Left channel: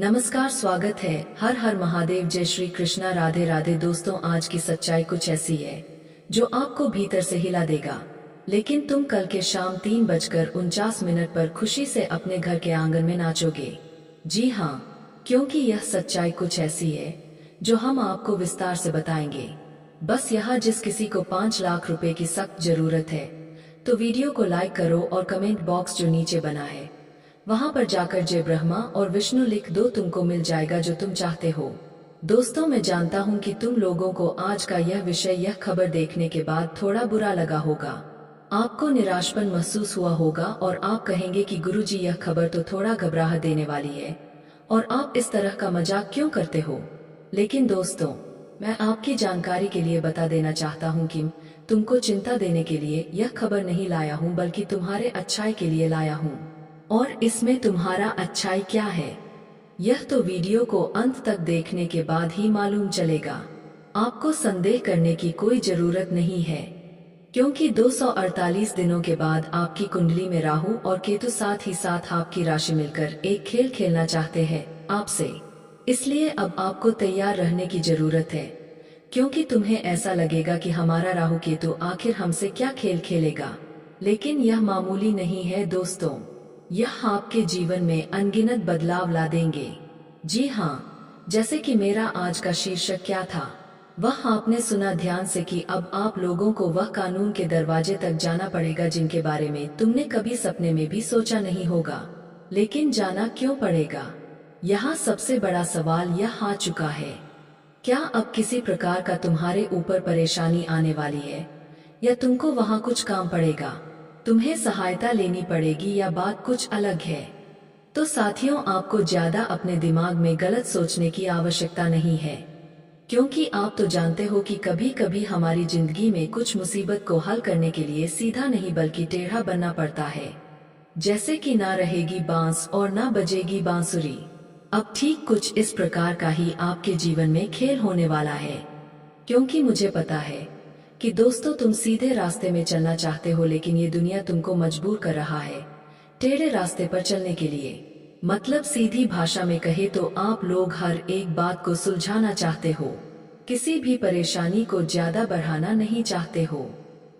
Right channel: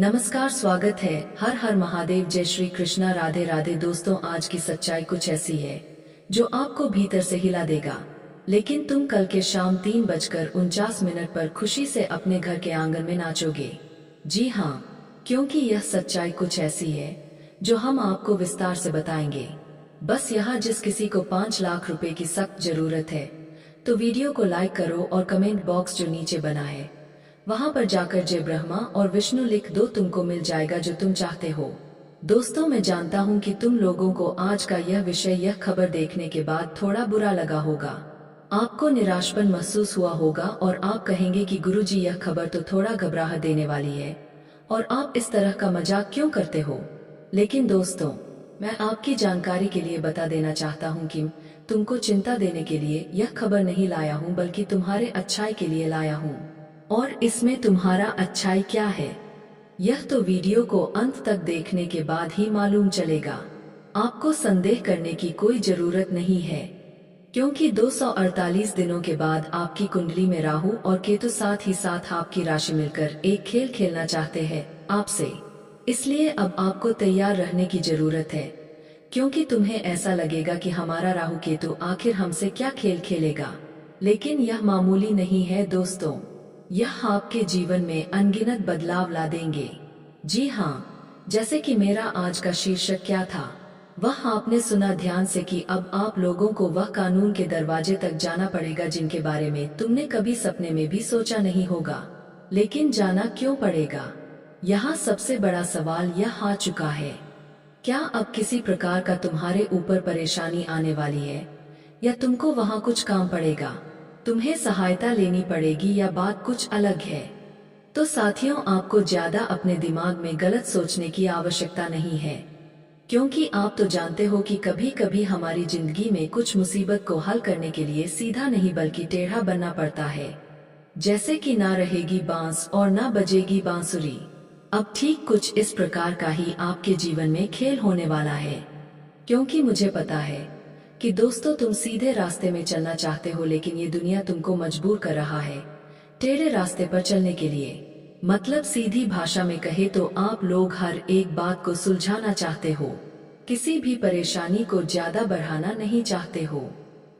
नमस्कार, स्वागत है। हर हर महादेव, जय श्री कृष्णा, राधे राधे। दोस्तों, आज की सच्चाई कुछ ऐसी है जो आपको भीतर से हिला देगा, लेकिन तुम कल के शाम 3:49 पर खुशी से अपने घर के आंगन में नाचोगे। जी हाँ, क्योंकि यह सच्चाई कुछ ऐसी है जो हम आपको विस्तार से बताएंगे। बस यहाँ जिस किसी को 5 लाख रुपए की सख्त जरूरत है तो वीडियो को लाइक करो और कमेंट बॉक्स जो नीचे बना है वहां पर जाकर जय ब्रह्मा और विष्णु लिख दो, तुमको मिल जाएगा जो तुम चाहते हो। दोस्तों, मैं जानता हूं कि तुम लोगों को आज का यह विषय, यह खबर देखने के बाद थोड़ा बुरा लगा होगा। आपको निराशपन महसूस हुआ होगा और आप कहेंगे कि गुरुजी, यह खबर तो थोड़ा घबराहट देने वाली है और आप इस तरह का मजाक क्यों करते हो। लेकिन दोस्तों, मैं आपकी जानकारी के लिए बता देना चाहता हूँ कि तुमको चिंता देने के लिए यह खबर नहीं लाया हूँ, बल्कि तुम्हारे अच्छाई के लिए लाया हूँ। और इसमें तुम्हारा अच्छाई क्या है, यह तो वीडियो को अंत तक देखने के बाद ही मालूम चलेगा। आपको संदेह करने की कोई जरूरत नहीं है, क्योंकि 248 दिनों के बाद आपकी कुंडली में राहु और केतु साथ ही साथ आपकी राशि मिलकर एक खेल खेलना चाहते हैं आपसे। इसलिए अब आपको तैयार रहने की जरूरत है, क्योंकि तुम्हें ऐसा लगेगा कि हमारा राहु केतु आखिर हमसे क्या खेल खेलेगा। लेकिन यह मामूली नहीं है दोस्तों, यह आपके जीवन में अनगिनत बदलाव ला देंगे। जी हाँ, जैसे कि मेरा आज का शीर्षक क्या था, वह आपने सुना ध्यान से कि अब आप लोगों को वह कानून के दरवाजे तक जाना पड़ेगा जिनके बारे में तुमने कभी सपने में भी सोचा नहीं होगा। लेकिन जाना क्यों पड़ेगा, यहाँ सबसे बड़ा सवाल यह आ चुका है। क्या अब किसी प्रकार का तुम्हारे ऊपर परेशानी आने वाली है, या तुमको वहाँ कुछ काम पड़ेगा, तुम्हें सहायता लेनी पड़ेगी, या बात कुछ अलग है? तो साथियों, आपको ज्यादा अपने दिमाग में गलत सोचने की आवश्यकता नहीं है, क्योंकि आप तो जानते हो कि कभी कभी हमारी जिंदगी में कुछ मुसीबत को हल करने के लिए सीधा नहीं बल्कि टेढ़ा बनना पड़ता है। जैसे कि ना रहेगी बांस और ना बजेगी बांसुरी। अब ठीक कुछ इस प्रकार का ही आपके जीवन में खेल होने वाला है, क्योंकि मुझे पता है कि दोस्तों, तुम सीधे रास्ते में चलना चाहते हो, लेकिन ये दुनिया तुमको मजबूर कर रहा है टेढ़े रास्ते पर चलने के लिए। मतलब सीधी भाषा में कहे तो आप लोग हर एक बात को सुलझाना चाहते हो, किसी भी परेशानी को ज्यादा बढ़ाना नहीं चाहते हो।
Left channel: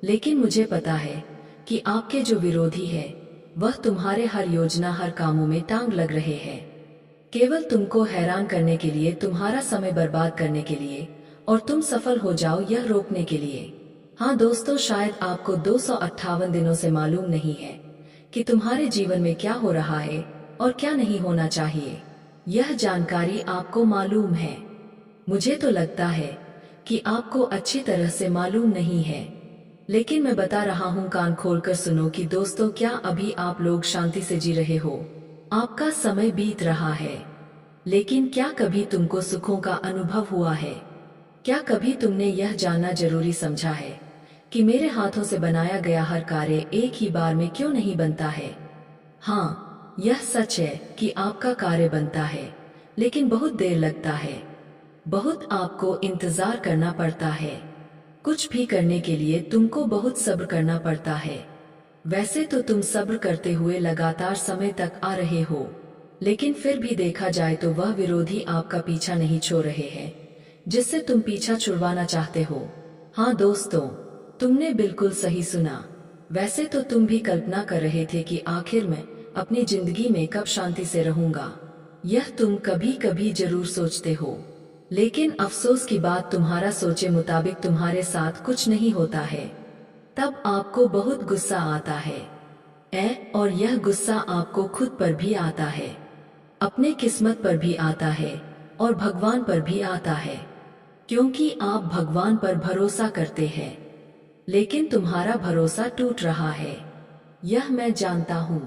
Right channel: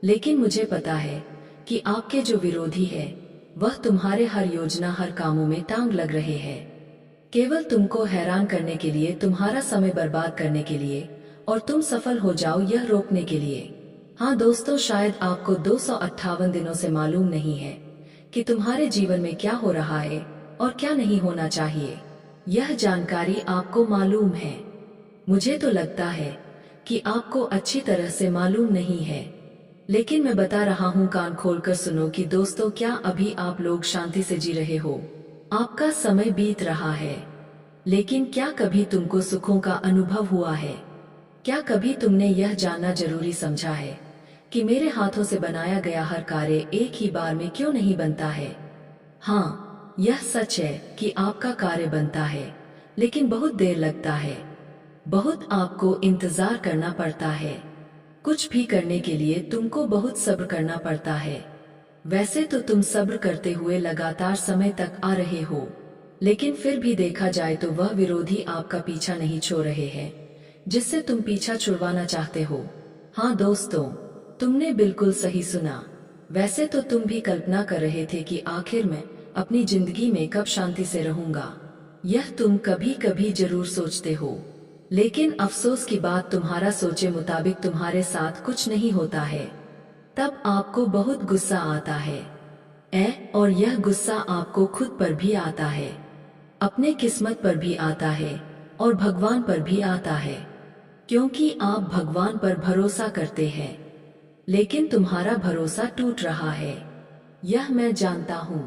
लेकिन मुझे पता है कि आपके जो विरोधी है वह तुम्हारे हर योजना, हर कामों में टांग लग रहे हैं, केवल तुमको हैरान करने के लिए, तुम्हारा समय बर्बाद करने के लिए और तुम सफल हो जाओ यह रोकने के लिए। हाँ दोस्तों, शायद आपको 258 दिनों से मालूम नहीं है कि तुम्हारे जीवन में क्या हो रहा है और क्या नहीं होना चाहिए। यह जानकारी आपको मालूम है। मुझे तो लगता है कि आपको अच्छी तरह से मालूम नहीं है, लेकिन मैं बता रहा हूँ, कान खोलकर सुनो कि दोस्तों, क्या अभी आप लोग शांति से जी रहे हो? आपका समय बीत रहा है, लेकिन क्या कभी तुमको सुखों का अनुभव हुआ है? क्या कभी तुमने यह जानना जरूरी समझा है कि मेरे हाथों से बनाया गया हर कार्य एक ही बार में क्यों नहीं बनता है? हाँ, यह सच है कि आपका कार्य बनता है, लेकिन बहुत देर लगता है, बहुत आपको इंतजार करना पड़ता है। कुछ भी करने के लिए तुमको बहुत सब्र करना पड़ता है। वैसे तो तुम सब्र करते हुए लगातार समय तक आ रहे हो, लेकिन फिर भी देखा जाए तो वह विरोधी आपका पीछा नहीं छोड़ रहे हैं जिससे तुम पीछा छुड़वाना चाहते हो। हाँ दोस्तों, तुमने बिल्कुल सही सुना। वैसे तो तुम भी कल्पना कर रहे थे कि आखिर मैं अपनी जिंदगी में कब शांति से रहूंगा। यह तुम कभी कभी जरूर सोचते हो, लेकिन अफसोस की बात, तुम्हारा सोचे मुताबिक तुम्हारे साथ कुछ नहीं होता है। तब आपको बहुत गुस्सा आता है, और यह गुस्सा आपको खुद पर भी आता है, अपने किस्मत पर भी आता है और भगवान पर भी आता है, क्योंकि आप भगवान पर भरोसा करते हैं, लेकिन तुम्हारा भरोसा टूट रहा है, यह मैं जानता हूँ।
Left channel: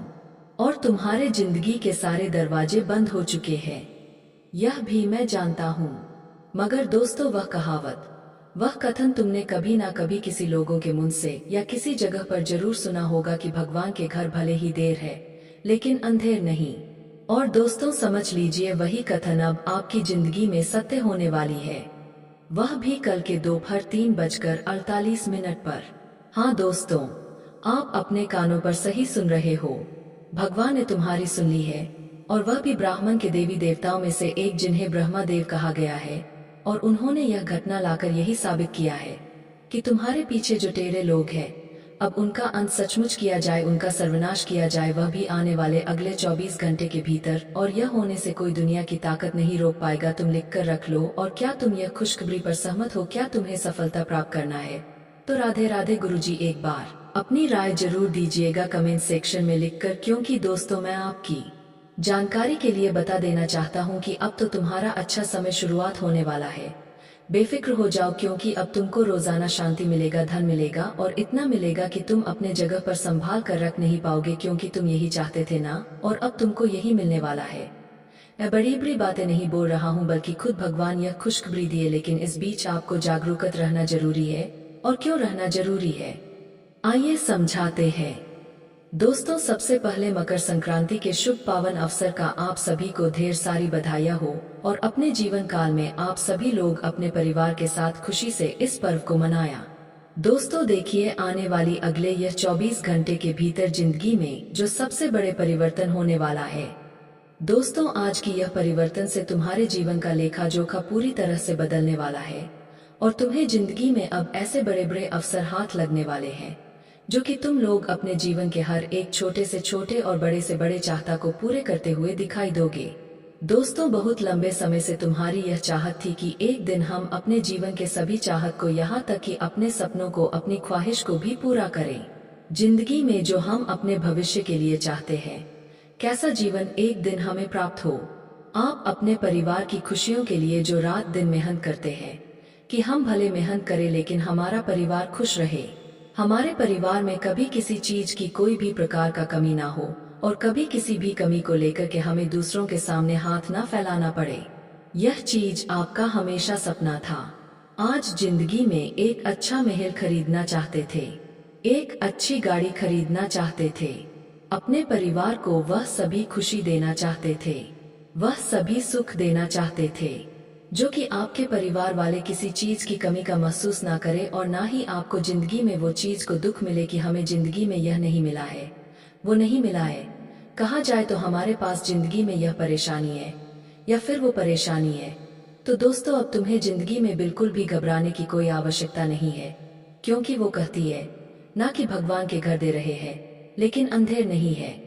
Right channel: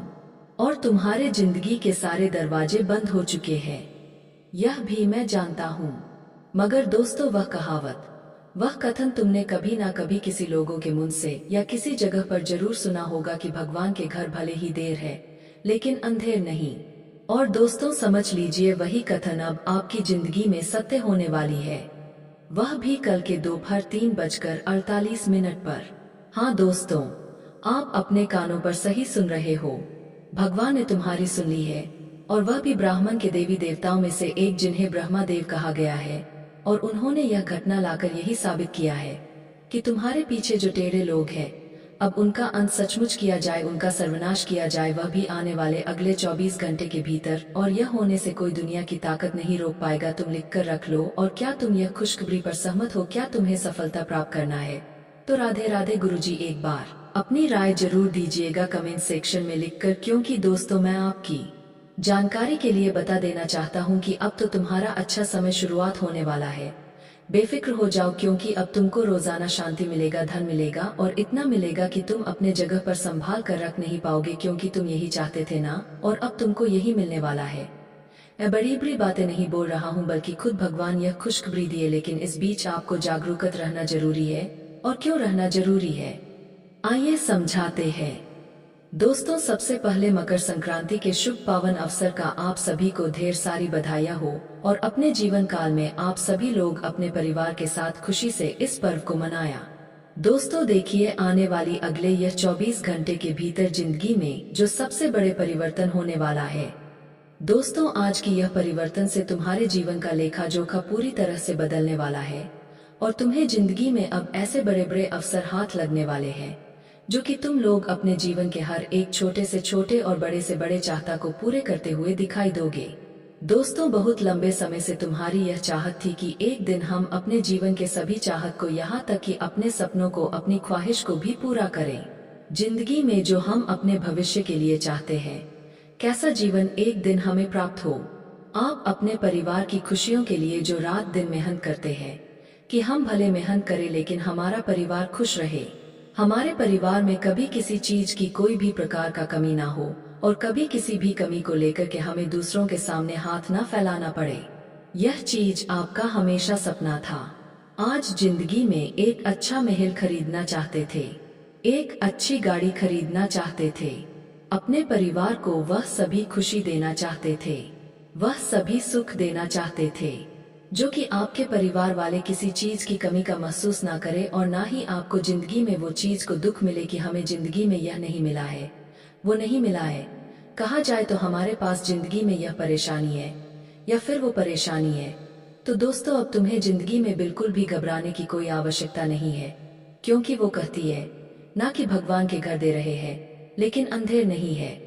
और तुम्हारे जिंदगी के सारे दरवाजे बंद हो चुके हैं, यह भी मैं जानता हूँ। मगर दोस्तों, वह कहावत, वह कथन तुमने कभी ना कभी किसी लोगों के मुंह से या किसी जगह पर जरूर सुना होगा कि भगवान के घर भले ही देर है लेकिन अंधेर नहीं। और दोस्तों, समझ लीजिए, वही कथन अब आपकी जिंदगी में सत्य होने वाली है, वह भी कल के दोपहर 3:48 पर। हाँ दोस्तों, आप अपने कानों पर सही सुन रहे हो, भगवान ने तुम्हारी सुन ली है और वह भी ब्राह्मण के देवी देवताओं में से एक जिन्हें ब्रह्मा देव कहा गया है। और उन्होंने यह घटना लाकर यही साबित किया है कि तुम्हारे पीछे जो टेढ़े लोग हैं, अब उनका अंत सचमुच किया जाए, उनका सर्वनाश किया जाए, वह भी आने वाले अगले 24 घंटे के भीतर। और यह होने से कोई दुनिया की ताकत नहीं रोक पाएगा। तुम लिख कर रख लो। और क्या तुम यह खुशखबरी पर सहमत हो? क्या तुम्हें सफलता प्राप्त करना है तो राधे राधे गुरुजी। एक बार अपनी राय जरूर दीजिएगा कमेंट सेक्शन में लिखकर, क्योंकि दोस्तों मैं आपकी जानकारी के लिए बता देना चाहता हूं कि अब तो तुम्हारा अच्छा समय शुरुआत होने वाला है। बेफिक्र हो जाओ, क्योंकि अब तुमको रोजाना शांति मिलेगा, धन मिलेगा और इतना मिलेगा कि तुम अपने जगह पर संभाल कर रख नहीं पाओगे, क्योंकि तुम यही चाहते थे ना, और अब तुमको यही मिलने वाला है। मैं बड़ी बड़ी बातें नहीं बोल रहा हूँ, बल्कि खुद भगवान यह खुशखबरी दिए। लेकिन इस बीच आपको जागरूक रहना जरूरी है। और क्यों रहना जरूरी है, आइए समझाते हैं। दोस्तों, सबसे पहले मकर संक्रांति के शुभ पावन अवसर का आप सभी को ढेर सारी बधाइयाँ हो। और अपने जीवन काल में आप सभी लोग अपने परिवार के साथ खुशी से इस पर्व को मनाया। दोस्तों देखिए, आने वाली अगले यह 24 घंटे के भीतर जिंदगी में जो सबसे बड़े परिवर्तन होने वाला है। दोस्तों, आज की यह परिवर्तन से तुम्हारे जीवन का लेखा जोखा पूरी तरह से बदलने वाला है। और तुम्हें जिंदगी में अब ऐसे बड़े बड़े अवसर हाथ लगने वाले हैं जो कि तुम लोग अपने जीवन के हर एक छोटे से छोटे और बड़े से बड़े चाहता को पूरे करते हुए दिखाई दोगे। दोस्तों, बहुत लंबे समय से तुम्हारी यह चाहत थी कि एक दिन हम अपने जीवन के सभी चाहत को, यहाँ तक कि अपने सपनों को, अपनी ख्वाहिश को भी पूरा करें। जिंदगी में जो हम अपने भविष्य के लिए चाहते हैं, कैसा जीवन एक दिन हमें प्राप्त हो। आप अपने परिवार की खुशियों के लिए जो रात दिन मेहनत करते हैं कि हम भले मेहनत करें लेकिन हमारा परिवार खुश रहे, हमारे परिवार में कभी किसी चीज की कोई भी प्रकार का कमी ना हो, और कभी किसी भी कमी को लेकर के हमें दूसरों के सामने हाथ ना फैलाना पड़े। यह चीज आपका हमेशा सपना था। आज जिंदगी में एक अच्छा महल खरीदना चाहते थे, एक अच्छी गाड़ी खरीदना चाहते थे, अपने परिवार को वह सभी खुशी देना चाहते थे, वह सभी सुख देना चाहते थे जो कि आपके परिवार वाले किसी चीज की कमी का महसूस ना करें, और ना ही आपको जिंदगी में वो चीज को दुख मिले कि हमें जिंदगी में यह नहीं मिला है, वो नहीं मिला है। कहा जाए तो हमारे पास जिंदगी में यह परेशानी है या फिर वो परेशानी है। तो दोस्तों, अब तुम्हें जिंदगी में बिल्कुल भी घबराने की कोई आवश्यकता नहीं है, क्योंकि वो कहती है ना कि भगवान के घर दे रहे हैं लेकिन अंधेर नहीं है।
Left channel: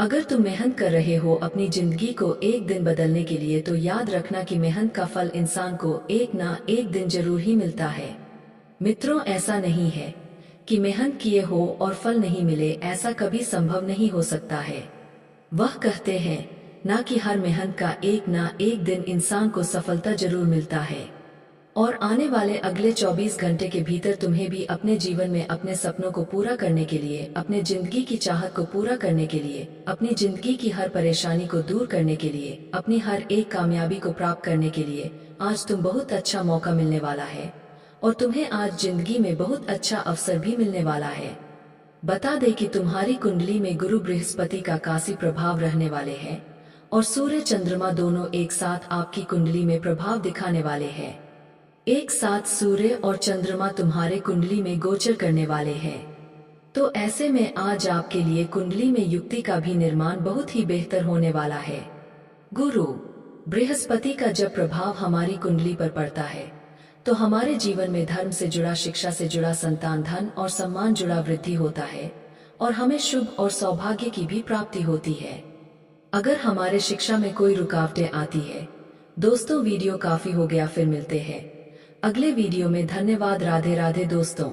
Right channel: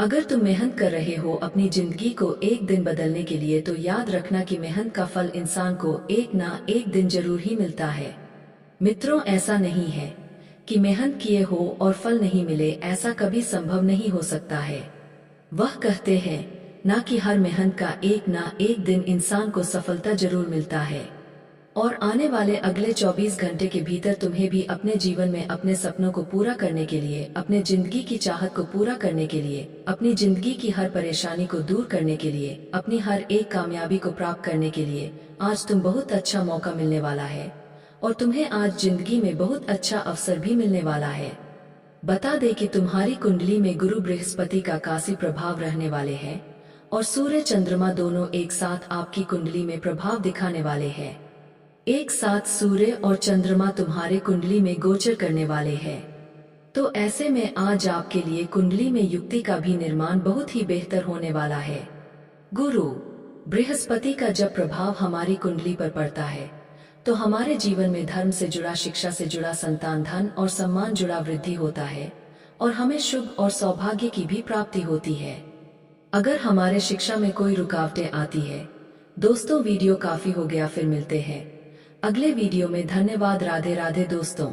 अगर तुम मेहनत कर रहे हो अपनी जिंदगी को एक दिन बदलने के लिए, तो याद रखना कि मेहनत का फल इंसान को एक ना एक दिन जरूर ही मिलता है। मित्रों, ऐसा नहीं है कि मेहनत किए हो और फल नहीं मिले, ऐसा कभी संभव नहीं हो सकता है। वह कहते हैं ना कि हर मेहनत का एक ना एक दिन इंसान को सफलता जरूर मिलता है। और आने वाले अगले 24 घंटे के भीतर तुम्हें भी अपने जीवन में अपने सपनों को पूरा करने के लिए, अपने जिंदगी की चाहत को पूरा करने के लिए, अपनी जिंदगी की हर परेशानी को दूर करने के लिए, अपनी हर एक कामयाबी को प्राप्त करने के लिए आज तुम बहुत अच्छा मौका मिलने वाला है। और तुम्हें आज जिंदगी में बहुत अच्छा अवसर भी मिलने वाला है। बता दे कि तुम्हारी कुंडली में गुरु बृहस्पति का काशी प्रभाव रहने वाले हैं, और सूर्य चंद्रमा दोनों एक साथ आपकी कुंडली में प्रभाव दिखाने वाले हैं। एक साथ सूर्य और चंद्रमा तुम्हारे कुंडली में गोचर करने वाले हैं। तो ऐसे में आज आपके लिए कुंडली में युक्ति का भी निर्माण बहुत ही बेहतर होने वाला है। गुरु बृहस्पति का जब प्रभाव हमारी कुंडली पर पड़ता है तो हमारे जीवन में धर्म से जुड़ा, शिक्षा से जुड़ा, संतान, धन और सम्मान जुड़ा वृद्धि होता है, और हमें शुभ और सौभाग्य की भी प्राप्ति होती है। अगर हमारे शिक्षा में कोई रुकावटें आती है, दोस्तों वीडियो काफी हो गया, फिर मिलते हैं अगले वीडियो में। धन्यवाद। राधे राधे दोस्तों।